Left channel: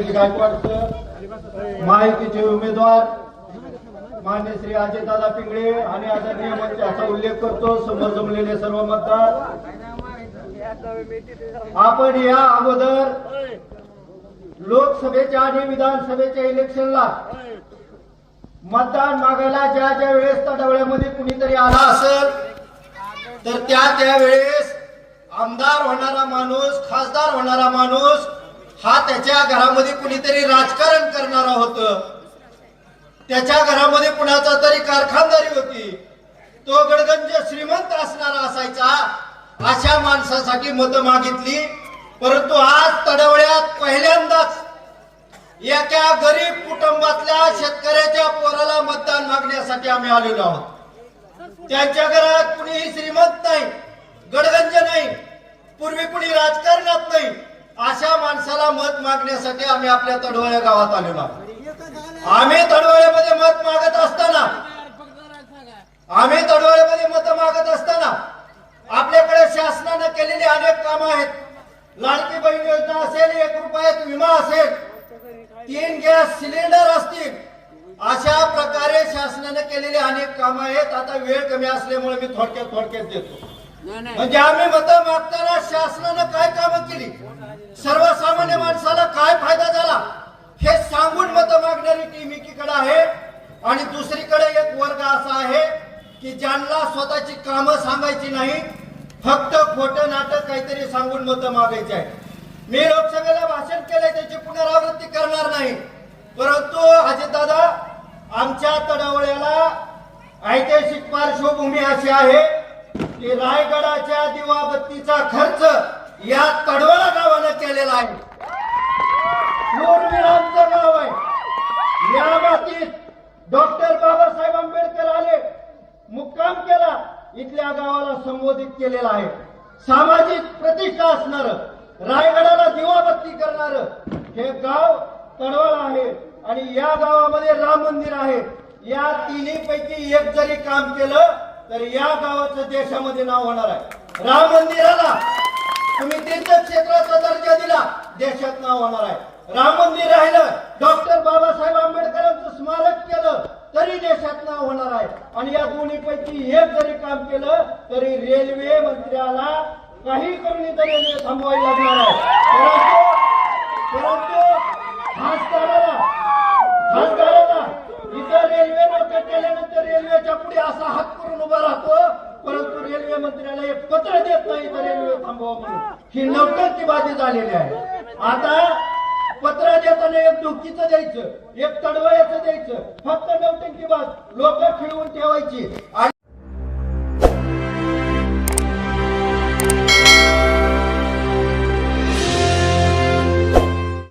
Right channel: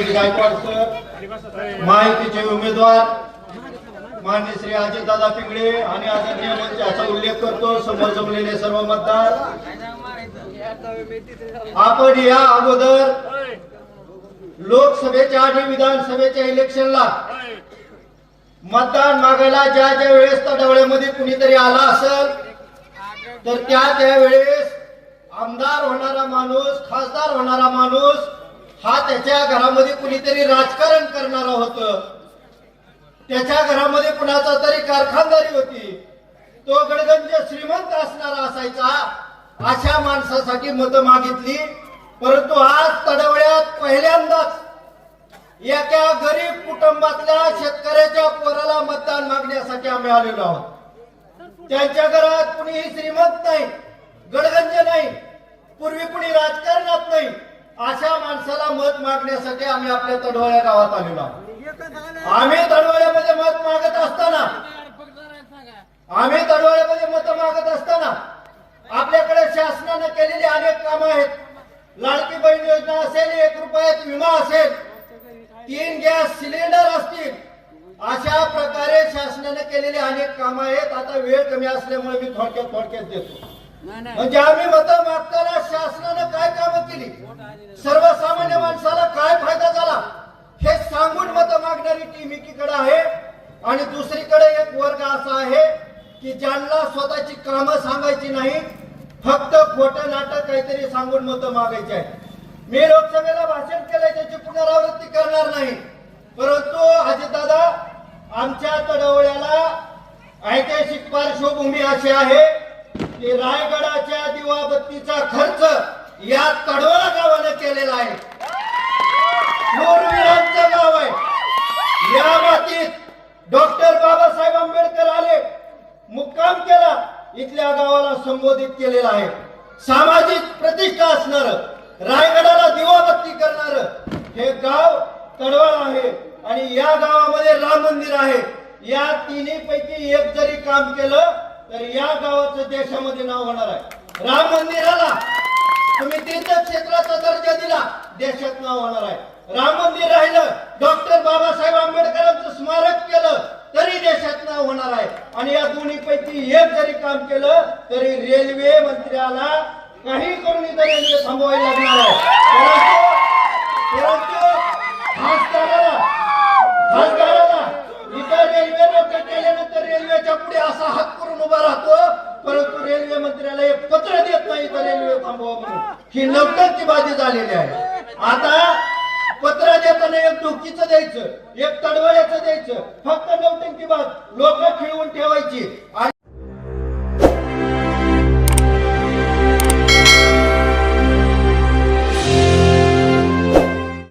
Rohit Gaikwad sir माहितीचे उमेदवार मान्य श्री अजितदादा पिंगळे आणि आदरणीय याचा उल्लेख करतो समोर जमलेले सर्व मतदार. आपण या अगोदर लोकसभेच्या आणि विधानसभेच्या इलेक्शनला मतदान मागायला ज्या ज्या वेळेस तडवळ्यामध्ये कुणीतरी आला असेल तर त्या त्या वेळेस आमदार होणारा माणूस खासदार होणारा माणूस हा त्याच्या घरामध्ये कुणीतरी राजकारण करणारा होतं. त्याच्या घरामध्ये कुणाचा तरी कारखानदारी होती. तो गडगंज श्रीमंत असणारा असायचा. अशा माणसासाठी मतं मागितली. परंतु आज तडवड्यात पहिल्यांदाच एका गरीब कुटुंबातल्या शेतकऱ्याच्या पोराला मतदान मागण्यासाठी आम्ही आलेलो आहोत. त्यांच्या घरात कुणीही श्रीमंत नाही गडगंज नाही पूर्वी कुणी राजकारणात नाही. अशा माणसाला मत मागण्यासाठी आम्ही आपल्या तडवळ्या गावात आलेलो आहोत. आम्ही तडवळ्यामध्ये मत मागत असताना आम्ही तडवळ्यामध्ये मत मागत असताना आपल्याकडे शासनानं केलेली अनेक कामं आहेत. लाडकी बहीण योजना असेल एक रुपयात विमा असेल तीन गॅस सिलेंडर असतील अशा प्रकारे शासनाने केलेली अनेक कामं आहेत. आता वेळ कमी असल्यामुळे मी थोडक्यात थोडक्यात देतो. म्हणजे आम्ही मत मागताना शासनानं काय कामं केली? सर्वसामान्य माणसाला काय फायदा झाला? हे सांगून मत मागणारी टीम एकीकडे आहे आणि दुसरीकडे एक वर्ग असा आहे की ज्यांना स्वतःची कामं सांगायची नाही फक्त खोटं नाटक काहीतरी सांगून मत मागायची आहे मी लोकसभेला भाषण केलंय त्याची पुनरावृत्ती करणार नाही. परंतु अजितदादा आमच्या तडवळ्याला ऐतिहासिक पार्श्वभूमी अशी आहे की रायगडाच्या दिवाबत्तीचा खर्च या तडवळा गावानं केलेला आहे. शूरवीरांचं गाव आहे. या मातीत डॉक्टर बाबासाहेब आंबेडकर आले मुक्काम केला इथल्या गावाला संबोधित केलेला आहे. सामाजिक प्रतिष्ठा असणार रायगडाला दिवाबत्ती करणार हे गाव तडवळ आहे आणि या गावामध्ये राम मंदिर आहे. या तिन्ही पैकी एक जरी काम केलं तर या गावाचं देशामध्ये नाव होणार आहे. राम मंदिराला तुम्ही तीर्थक्षेत्राचा दर्जा दिला देशात नाव होणार आहे. राम मंदिर राहिलं डॉक्टर बाबासाहेब आंबेडकरांचं स्मारक केलं तरी देशात नाव होणार आहे. आणि या दोन्ही पैकी एक जरी काम केलं तरी रेल्वे मंत्र्याला काही करून इथं रेल्वे थांबवायला लागणार आहे परंतु परंतु खासदाराला खासदाराला इथं रेल्वे लोक केल्यानंतर रेल्वेच्या पुढे असा हात करून उभा राहतो परंतु रेल्वे मंत्र्याला एक पत्र देत नाही तर रेल्वे थांबवा म्हणून. ही बाजी झालेली आहे. आता पत्र देताना एक डुकीचं द्यायचं एक तडवळ्याचं द्यायचं. फक्त नवटंकी बाज लोक खिळवून ठेवायची. आणि